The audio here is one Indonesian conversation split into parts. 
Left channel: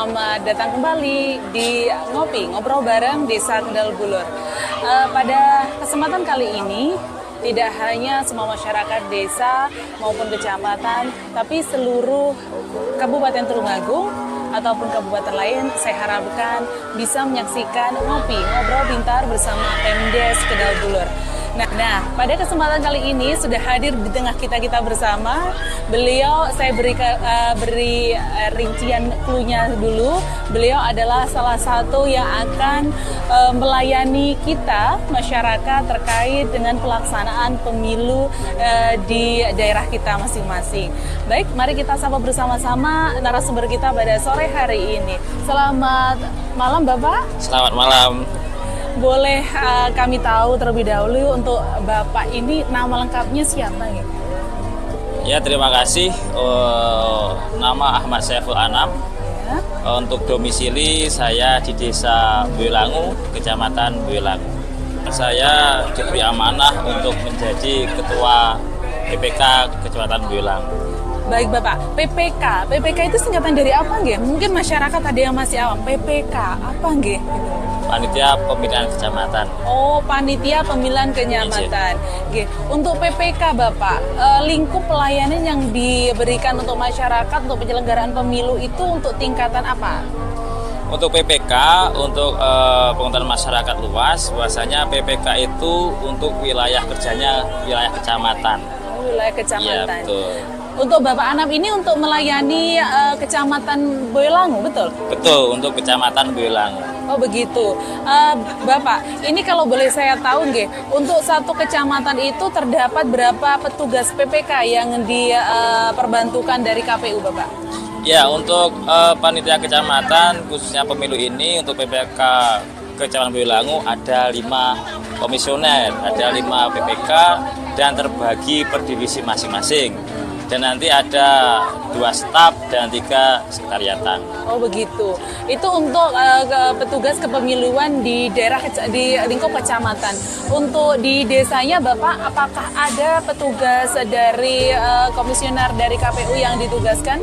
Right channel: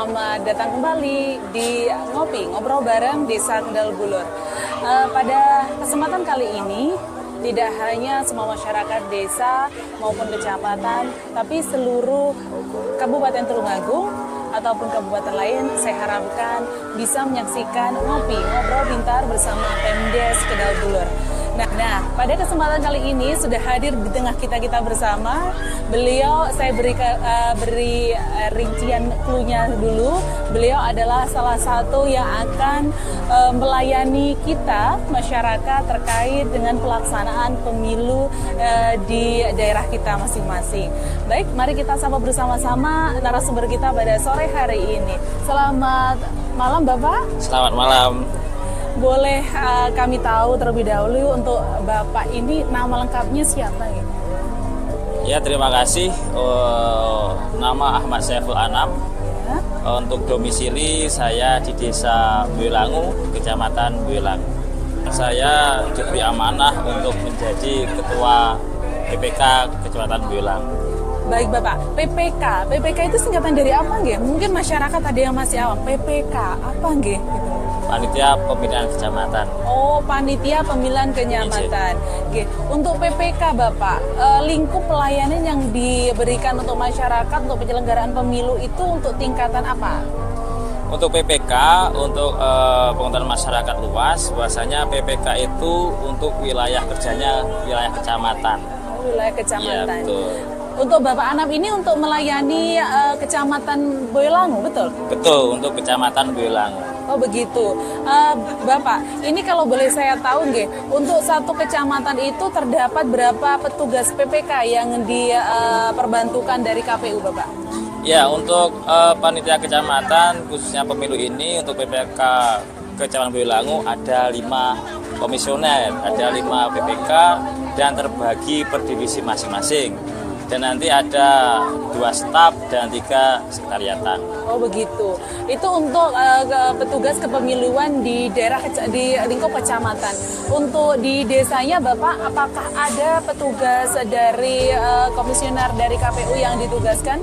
selamat datang kembali di Ngobrol bareng Desa Kendal Bulur. Pada kesempatan kali ini, tidak hanya semua masyarakat desa maupun kecamatan, tapi seluruh Kabupaten Tulungagung ataupun kabupaten lain, saya harapkan bisa menyaksikan Ngobrol Pintar bersama Pemdes Kendal Bulur. Nah, pada kesempatan kali ini sudah hadir di tengah kita bersama. Beliau, saya beri rincian clue-nya dulu. Beliau adalah salah satu yang akan melayani kita, masyarakat, terkait dengan pelaksanaan pemilu di daerah kita masing-masing. Baik, mari kita sapa bersama-sama narasumber kita pada sore hari ini. Selamat malam, Bapak. Selamat malam. Boleh kami tahu terlebih dahulu untuk Bapak ini nama lengkapnya siapa ya? Ya, terima kasih. Nama Ahmad Saiful Anam. Ya. Untuk domisili saya di Desa Boyolangu, Kecamatan Boyolangu. Saya diberi amanah untuk menjadi Ketua PPK Kecamatan Boyolangu. Baik Bapak, PPK itu singkatan dari apa nggih? Mungkin masyarakat ada yang masih awam. PPK apa nggih? Panitia Pemilihan Kecamatan. Oh, Panitia Pemilihan Kecamatan. Oke. Untuk PPK Bapak, lingkup pelayanan yang diberikan untuk masyarakat untuk penyelenggaraan pemilu itu untuk tingkatan apa? Untuk PPK, untuk pengetahuan masyarakat luas, bahwasanya PPK itu untuk wilayah kerjanya wilayah kecamatan. Oh, wilayah kecamatan. Iya, betul. Untuk Bapak Anam ini untuk melayani Kecamatan Boyolangu, betul? Betul, untuk Kecamatan Boyolangu. Oh begitu, Bapak. Ini kalau boleh saya tahu, nggih, untuk satu kecamatan itu terdapat berapa petugas PPK yang diperbantukan dari KPU, Bapak? Ya, untuk panitia kecamatan khususnya pemilu ini untuk PPK Kecamatan Boyolangu ada 5 komisioner, ada 5 PPK dan terbagi per divisi masing-masing. Dan nanti ada 2 staf dan 3 sekretariatan. Oh begitu. Itu untuk petugas kepemiluan di daerah di lingkup kecamatan. Untuk di desanya Bapak, apakah ada petugas dari komisioner dari KPU yang ditugaskan?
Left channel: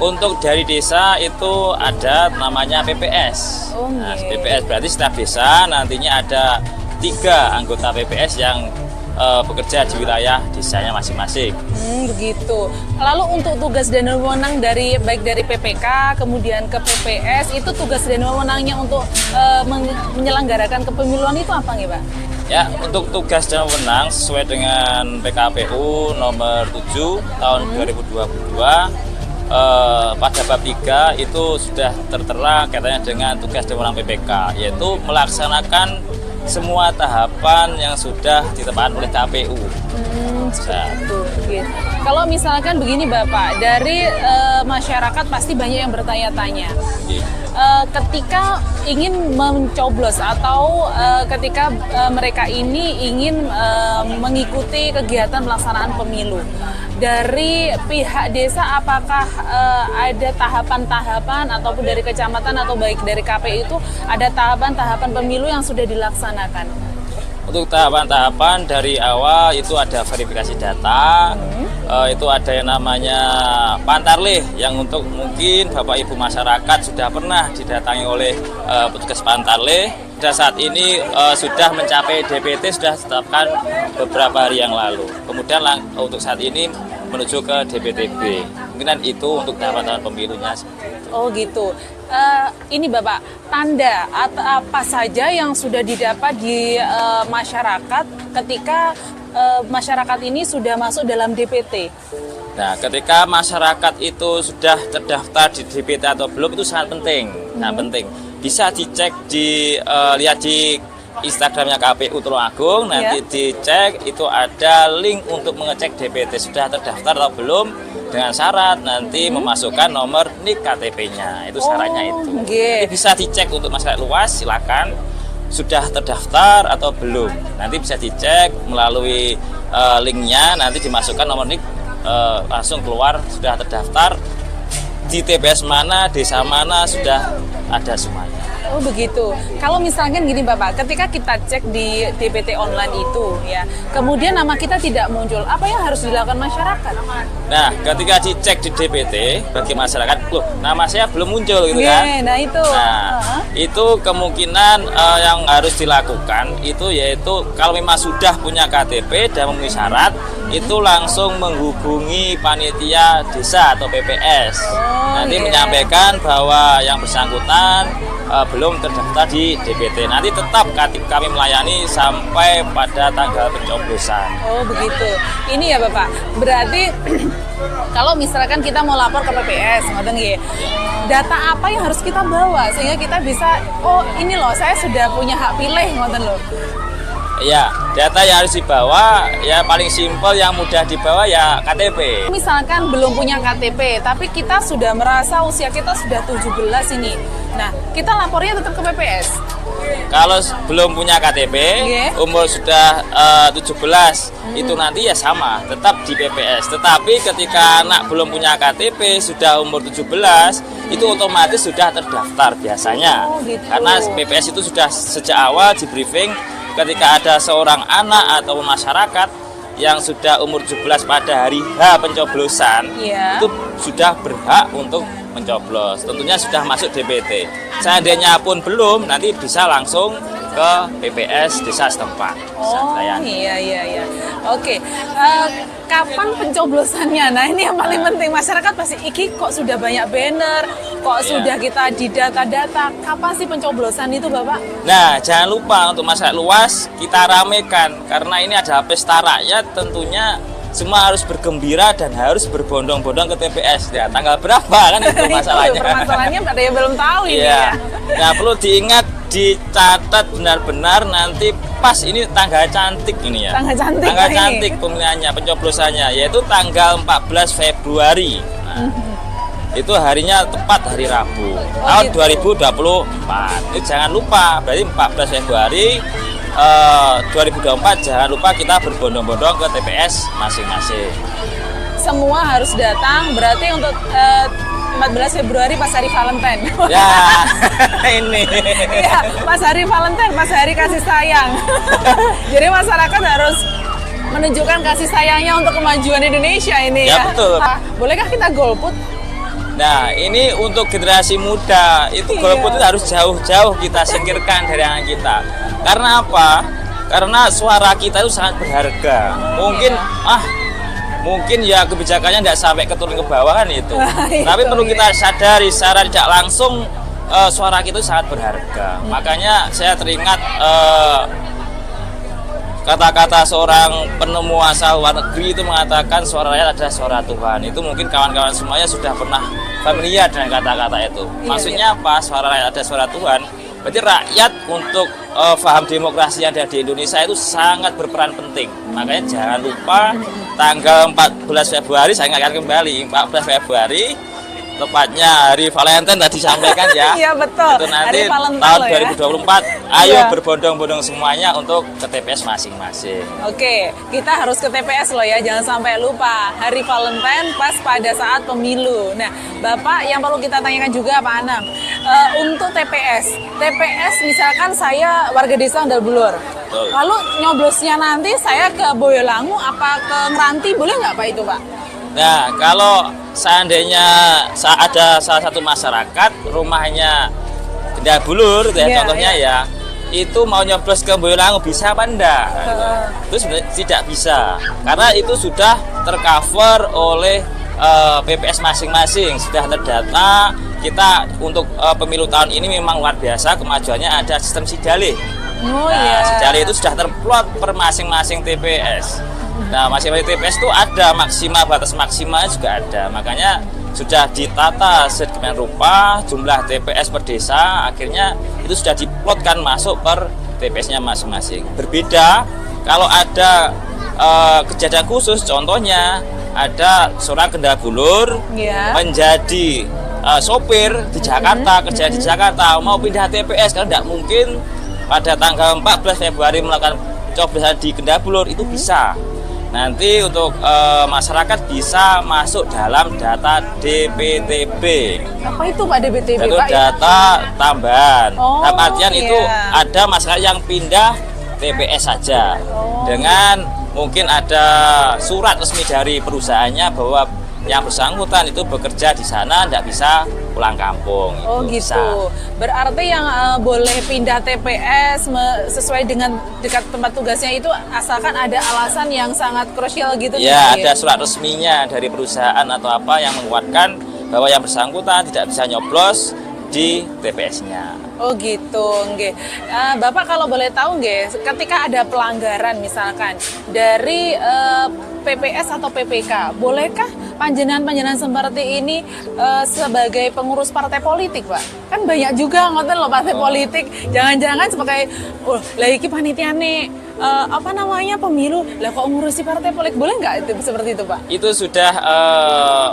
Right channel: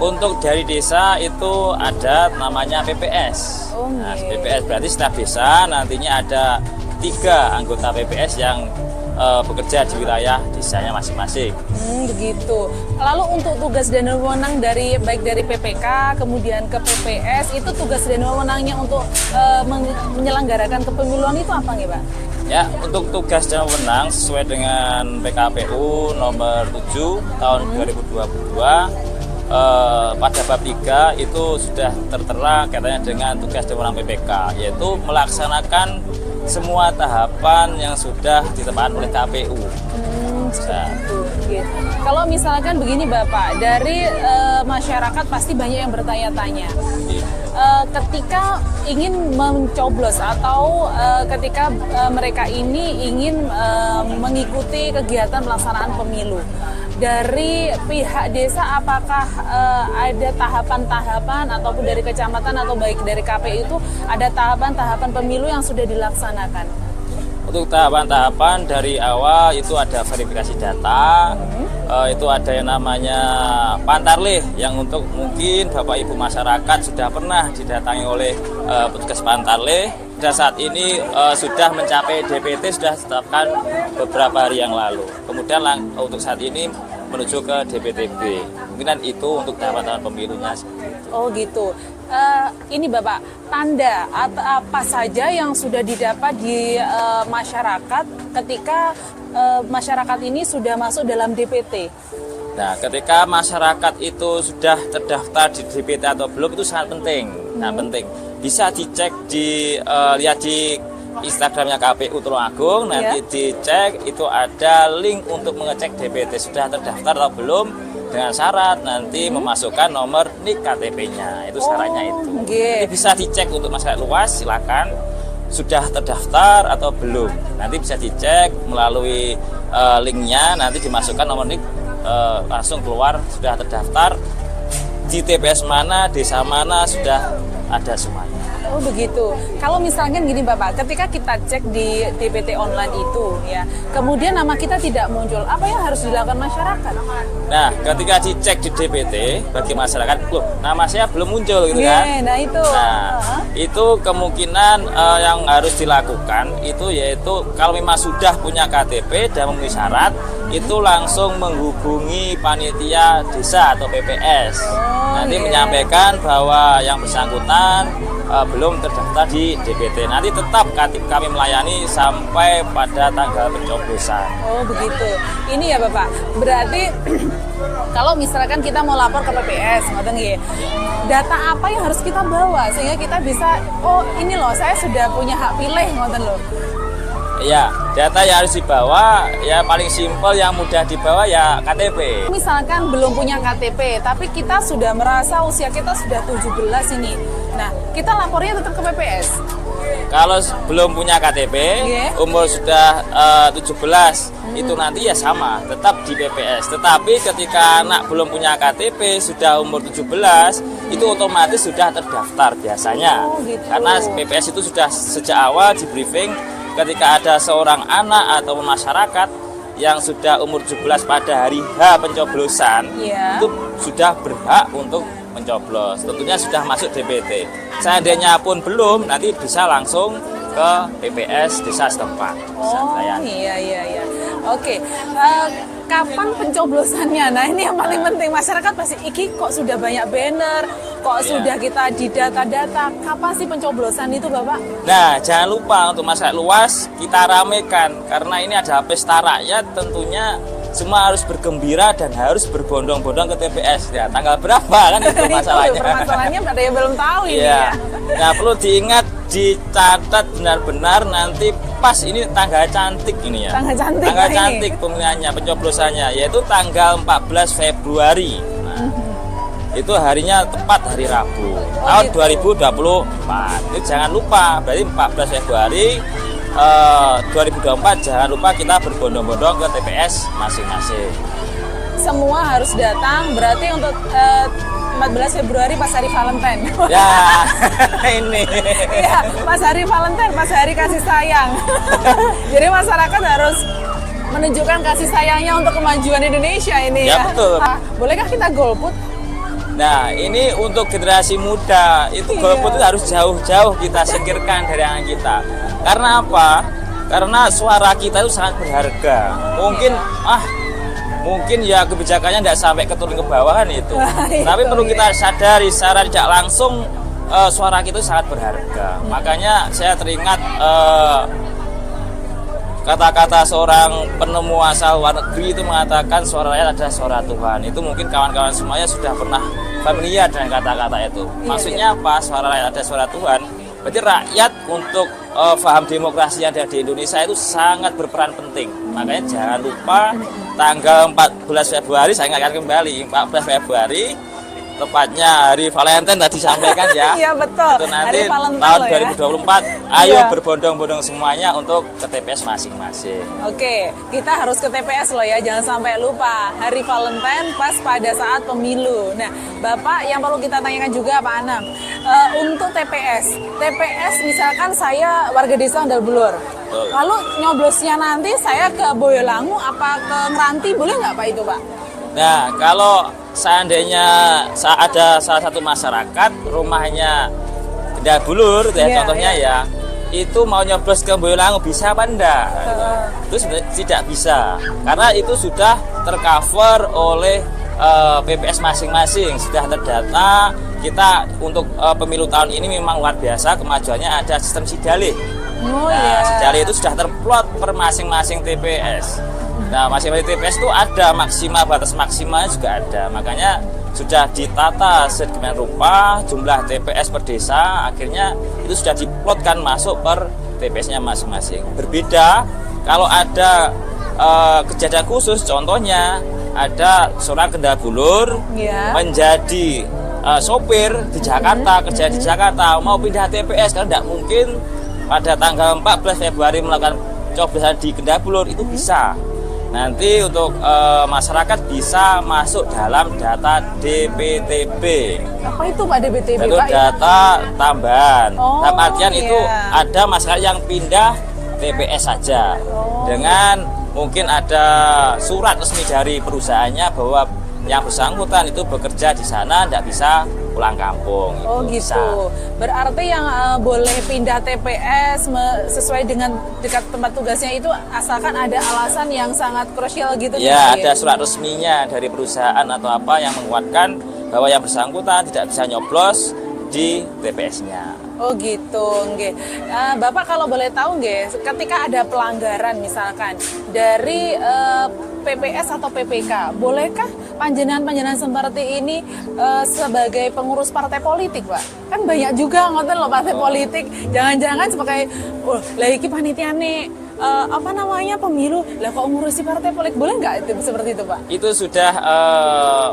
Untuk dari desa itu ada namanya PPS. Oh, nah, okay. PPS berarti setiap desa nantinya ada 3 anggota PPS yang bekerja di wilayah desanya masing-masing. Begitu. Lalu untuk tugas dan wewenang baik dari PPK kemudian ke PPS, itu tugas dan wewenangnya untuk menyelenggarakan kepemiluan itu apa nih, Pak? Ya, untuk tugas dan wewenang sesuai dengan PKPU nomor 7 tahun 2022 pada bab 3 itu sudah tertera kaitannya dengan tugas dan wewenang PPK, yaitu melaksanakan semua tahapan yang sudah ditetapkan oleh KPU. Kalau misalkan begini Bapak, dari masyarakat pasti banyak yang bertanya-tanya. Ketika ingin mencoblos atau ketika mereka ini ingin mengikuti kegiatan pelaksanaan pemilu, dari pihak desa apakah ada tahapan-tahapan ataupun dari kecamatan atau baik dari KPU itu ada tahapan-tahapan pemilu yang sudah dilaksanakan? Untuk tahapan-tahapan dari awal itu ada verifikasi data, itu ada yang namanya Pantarlih yang untuk mungkin Bapak Ibu masyarakat sudah pernah didatangi oleh petugas Pantarlih dan saat ini sudah mencapai DPT, sudah ditetapkan beberapa hari yang lalu. Kemudian untuk saat ini menuju ke DPTB. Mungkin itu untuk tahapan-tahapan pemilunya. Oh gitu. Ini Bapak, tanda atau apa saja yang sudah didapat di masyarakat ketika masyarakat ini sudah masuk dalam DPT? Nah, ketika masyarakat itu sudah terdaftar di DPT atau belum itu sangat penting. Sangat penting. Bisa dicek lihat di Instagramnya KPU Tulungagung, nanti dicek itu ada link untuk mengecek DPT sudah terdaftar atau belum, dengan syarat nanti memasukkan nomor NIK KTP-nya, itu syaratnya itu. Okay. Ini bisa dicek untuk masyarakat luas, silakan sudah terdaftar atau belum, nanti bisa dicek melalui linknya, nanti dimasukkan nomor NIK, langsung keluar sudah terdaftar di TPS mana, desa mana sudah ada semuanya. Oh Oh begitu. Kalau misalkan gini Bapak, ketika kita cek di DPT online itu ya, kemudian nama kita tidak muncul, apa yang harus dilakukan masyarakat? Nah, ketika dicek di DPT bagi masyarakat, loh, nama saya belum muncul gitu kan? Nah itu. Nah, itu kemungkinan yang harus dilakukan itu yaitu kalau memang sudah punya KTP dan memenuhi syarat, itu langsung menghubungi panitia desa atau PPS. Nanti menyampaikan bahwa yang bersangkutan belum terdaftar di DPT. Nanti tetap kami melayani sampai pada tanggal pencoblosan. Oh begitu. Ini ya Bapak. Berarti kalau misalkan kita mau lapor ke PPS, ngoten nggih. Data apa yang harus kita bawa sehingga kita bisa, oh ini loh saya sudah punya hak pilih, ngoten loh. Iya, data yang harus dibawa ya paling simpel yang mudah dibawa ya KTP. Misalkan belum punya KTP, tapi kita sudah merasa usia kita sudah 17 ini. Nah, kita lapornya tetap ke PPS. Kalau belum punya KTP, umur sudah 17, itu nanti ya sama, tetap di PPS. Tetapi ketika anak belum punya KTP, sudah umur 17, itu otomatis sudah terdaftar biasanya. Oh, gitu. Karena PPS itu sudah sejak awal di briefing ketika ada seorang anak atau masyarakat yang sudah umur 17 pada hari H pencoblosan, itu sudah berhak untuk mencoblos. Tentunya sudah masuk DPT. Seandainya pun belum, nanti bisa langsung ke PPS desa setempat. Oh iya. Oke. Kapan pencoblosannya? Nah ini yang paling penting. Masyarakat pasti, iki kok sudah banyak banner, kok sudah kita di data-data. Kapan sih pencoblosan itu Bapak? Nah jangan lupa untuk masyarakat luas kita ramekan. Karena ini ada pesta rakyat, tentunya semua harus bergembira dan harus berbondong-bondong ke TPS. Ya, tanggal berapa kan itu masalahnya. Masalahnya ada yang belum tahu ini ya. Nah perlu diingat, dicatat benar-benar nanti pas ini tanggal cantik ini ya. Tanggal cantik pemilihannya, pencoblosannya yaitu tanggal 14 Februari. Nah, itu harinya tepat hari Rabu tahun 2024. Jadi jangan lupa, berarti 14 Februari 2024 jangan lupa kita berbondong-bondong ke TPS masing-masing. Semua harus datang, berarti untuk 14 Februari pas hari Valentine. Ya, ini. Iya, pas hari Valentine, pas hari kasih sayang. Jadi masyarakat harus menunjukkan kasih sayangnya untuk kemajuan Indonesia ini ya. Betul. Bolehkah kita golput? Nah, ini untuk generasi muda, itu golput itu harus jauh-jauh kita singkirkan dari anak kita. Karena apa? Karena suara kita itu sangat berharga. Mungkin ya kebijakannya tidak sampai turun ke bawahan itu. Tapi perlu kita sadari secara tidak langsung suara kita sangat berharga. Makanya saya teringat kata-kata seorang penemu asal luar negeri itu mengatakan suara rakyat adalah suara Tuhan. Itu mungkin kawan-kawan semuanya sudah pernah familiar dengan kata-kata itu. Maksudnya apa? Suara rakyat adalah suara Tuhan. Berarti rakyat untuk paham demokrasi yang ada di Indonesia itu sangat berperan penting. Makanya jangan lupa tanggal 14 Februari, saya ingatkan kembali, 14 Februari tepatnya hari Valentine tadi disampaikan ya. Iya betul. Itu nanti tahun 2024 ayo berbondong-bondong semuanya untuk ke TPS masing-masing. Oke, kita harus ke TPS loh ya, jangan sampai lupa hari Valentine pas pada saat pemilu. Nah, Bapak yang perlu kita tanyakan juga Pak Anam, untuk TPS misalkan saya warga desa Sandal Bulur. Lalu nyoblosnya nanti saya ke Boyolangu apa ke Ngeranti, boleh nggak Pak itu Pak? Nah, kalau seandainya ada salah satu masyarakat rumahnya Sandal Bulur, contohnya ya, itu mau nyoblos ke Boyolangu bisa apa enggak? Itu sebenarnya tidak bisa, karena itu sudah tercover oleh PPS masing-masing, sudah terdata. Kita untuk pemilu tahun ini memang luar biasa kemajuannya, ada sistem sidalih. Sidalih itu sudah terplot per masing-masing TPS. Nah, masing-masing TPS itu ada maksimal, batas maksimalnya juga ada. Makanya sudah ditata sedemikian rupa jumlah TPS per desa, akhirnya itu sudah diplotkan masuk per TPS-nya masing-masing. Berbeda kalau ada kejadian khusus, contohnya ada seorang Sandal Bulur menjadi sopir di Jakarta, kerja di Jakarta, mau pindah TPS, kan tidak mungkin pada tanggal 14 Februari melakukan coblosan di Sandal Bulur, itu bisa. nanti untuk masyarakat bisa masuk dalam data DPTB. Apa itu Pak DPTB Itu Pak? data tambahan. Oh, Dalam artian itu iya. ada masyarakat yang pindah TPS saja dengan mungkin ada surat resmi dari perusahaannya bahwa yang bersangkutan itu bekerja di sana, tidak bisa pulang kampung. Oh Itu gitu. bisa. Berarti yang boleh pindah TPS sesuai dengan dekat tempat tugasnya itu asalkan ada alasan yang sangat krusial gitu. Ya, Pak, ada surat resminya dari perusahaan atau apa yang menguatkan bahwa yang bersangkutan tidak bisa nyoblos di TPS-nya. Oh gitu, nggih. Bapak kalau boleh tahu nggih, ketika ada pelanggaran misalkan dari PPS atau PPK, bolehkah panjenengan seperti ini sebagai pengurus partai politik, Pak? Kan banyak juga ngoten loh partai politik. Jangan-jangan sebagai lah iki panitiane apa namanya pemilu, lah kok ngurusi partai politik, boleh nggak itu seperti itu, Pak? Itu sudah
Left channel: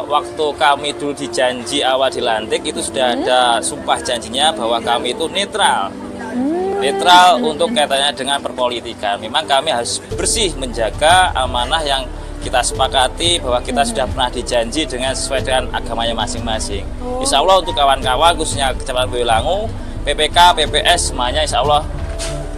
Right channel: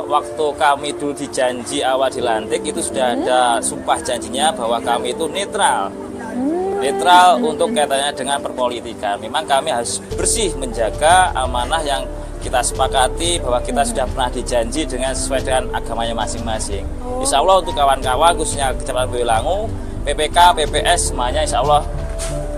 waktu kami dulu dijanji awal dilantik itu sudah ada sumpah janjinya bahwa kami itu netral untuk kaitannya dengan perpolitikan. Memang kami harus bersih menjaga amanah yang kita sepakati bahwa kita sudah pernah dijanji dengan sesuai dengan agamanya masing-masing. Insya Allah untuk kawan-kawan khususnya Kecamatan Boyolangu, PPK, PPS semuanya insya Allah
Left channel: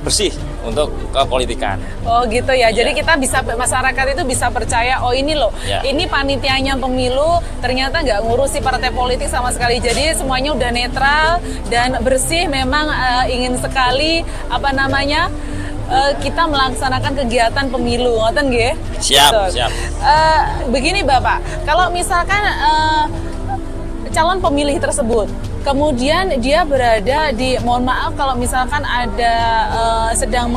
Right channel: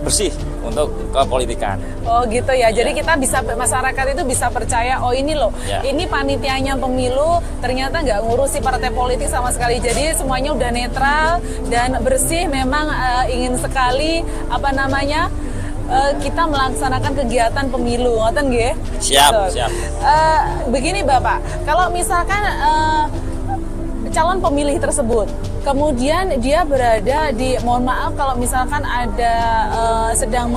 bersih untuk kepolitikan. Oh gitu ya. Jadi kita bisa, masyarakat itu bisa percaya, oh ini loh, ini panitianya pemilu ternyata nggak ngurusi partai politik sama sekali. Jadi semuanya udah netral dan bersih. Memang ingin sekali apa namanya kita melaksanakan kegiatan pemilu, ngoten nggih? Siap, siap. Begini Bapak, kalau misalkan calon pemilih tersebut kemudian dia berada di, mohon maaf kalau misalkan ada sedang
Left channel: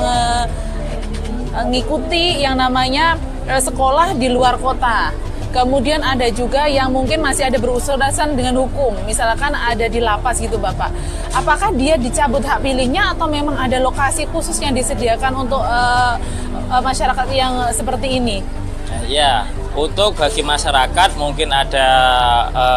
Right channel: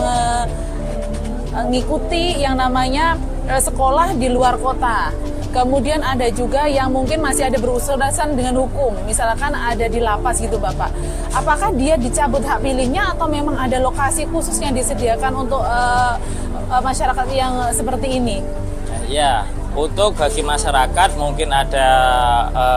mengikuti yang namanya sekolah di luar kota, kemudian ada juga yang mungkin masih ada berurusan dengan hukum, misalkan ada di lapas gitu Bapak, apakah dia dicabut hak pilihnya atau memang ada lokasi khusus yang disediakan untuk masyarakat yang seperti ini? Ya, untuk bagi masyarakat mungkin ada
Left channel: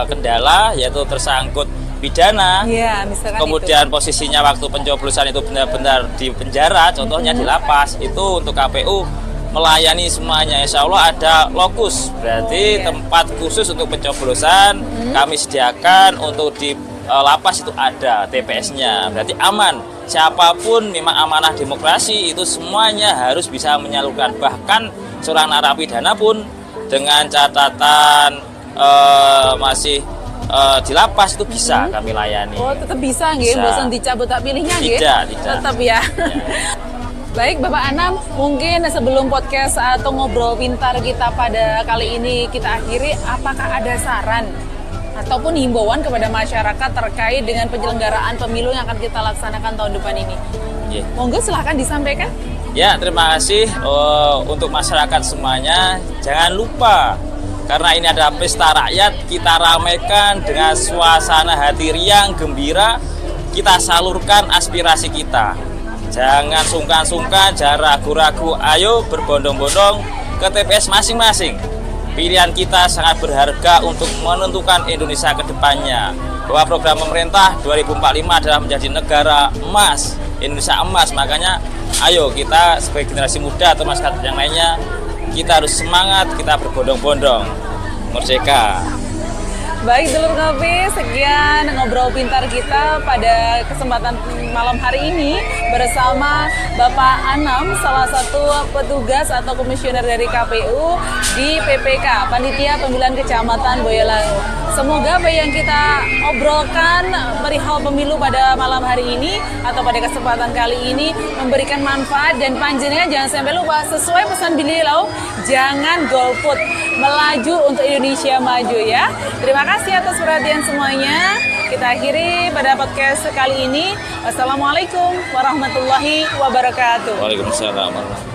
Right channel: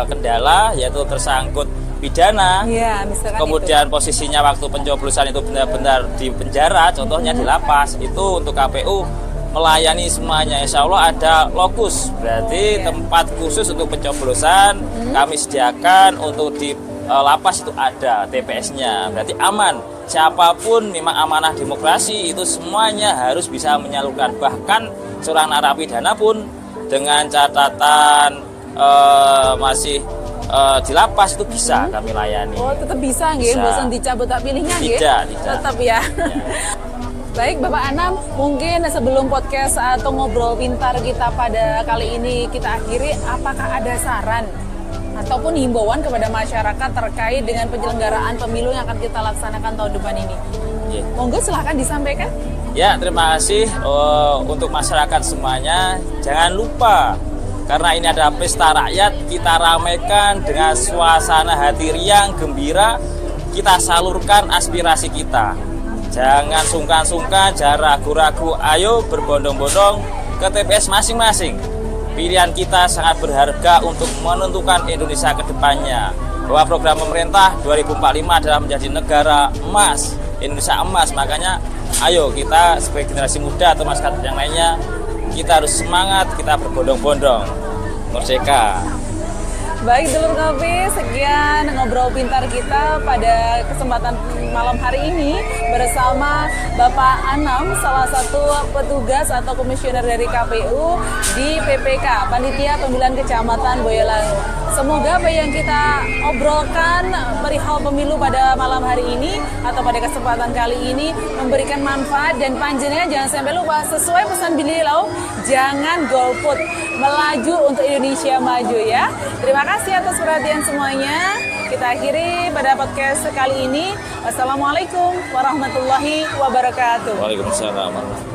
kendala yaitu tersangkut pidana, ya, misalkan kemudian itu posisinya waktu pencoblosan itu benar-benar di penjara, contohnya di lapas, itu untuk KPU melayani semuanya. Insya Allah ada lokus, berarti tempat khusus untuk pencoblosan kami sediakan. Untuk di lapas itu ada TPS-nya, berarti aman. Siapapun memang amanah demokrasi itu semuanya harus bisa menyalurkan, bahkan seorang narapidana pun dengan catatan masih di lapas itu bisa kami layani. Oh, tetap bisa nggih, bosan dicabut hak pilihnya nggih? Tidak. Tetap ya. Baik Bapak Anam, mungkin sebelum podcast atau ngobrol pintar kita pada kali ini kita akhiri, apakah ada saran ataupun himbauan kepada masyarakat terkait dengan penyelenggaraan pemilu yang akan kita laksanakan tahun depan ini? Monggo silahkan disampaikan. Ya, terima kasih untuk masyarakat semuanya. Jangan lupa, karena ini ada pesta rakyat, kita ramaikan dengan suasana hati riang, gembira, kita salurkan aspirasi kita. Jangan sungkan-sungkan, jangan ragu-ragu, ayo berbondong-bondong ke TPS masing-masing. Pilihan kita sangat berharga untuk menentukan Indonesia ke depannya. Bahwa program pemerintah 2045 adalah menjadi negara emas, Indonesia emas. Makanya ayo kita sebagai generasi muda atau masyarakat yang lainnya, kita harus semangat, kita berbondong-bondong. Merdeka. Baik dulur ngopi, sekian ngobrol pintar kita pada kesempatan malam hari ini bersama Bapak Anam, salah satu petugas atau komisioner dari KPU di PPK, Panitia Pemilihan Kecamatan Boyolangu. Semoga apa yang kita obrolkan perihal pemilu pada malam hari ini atau pada kesempatan kali ini memberikan manfaat, dan panjenengan jangan sampai lupa sesuai pesan beliau, jangan golput, melaju untuk Indonesia maju ya. Terima kasih atas perhatian semuanya. Kita akhiri pada podcast kali ini. Wassalamualaikum warahmatullahi wabarakatuh. Waalaikumsalam.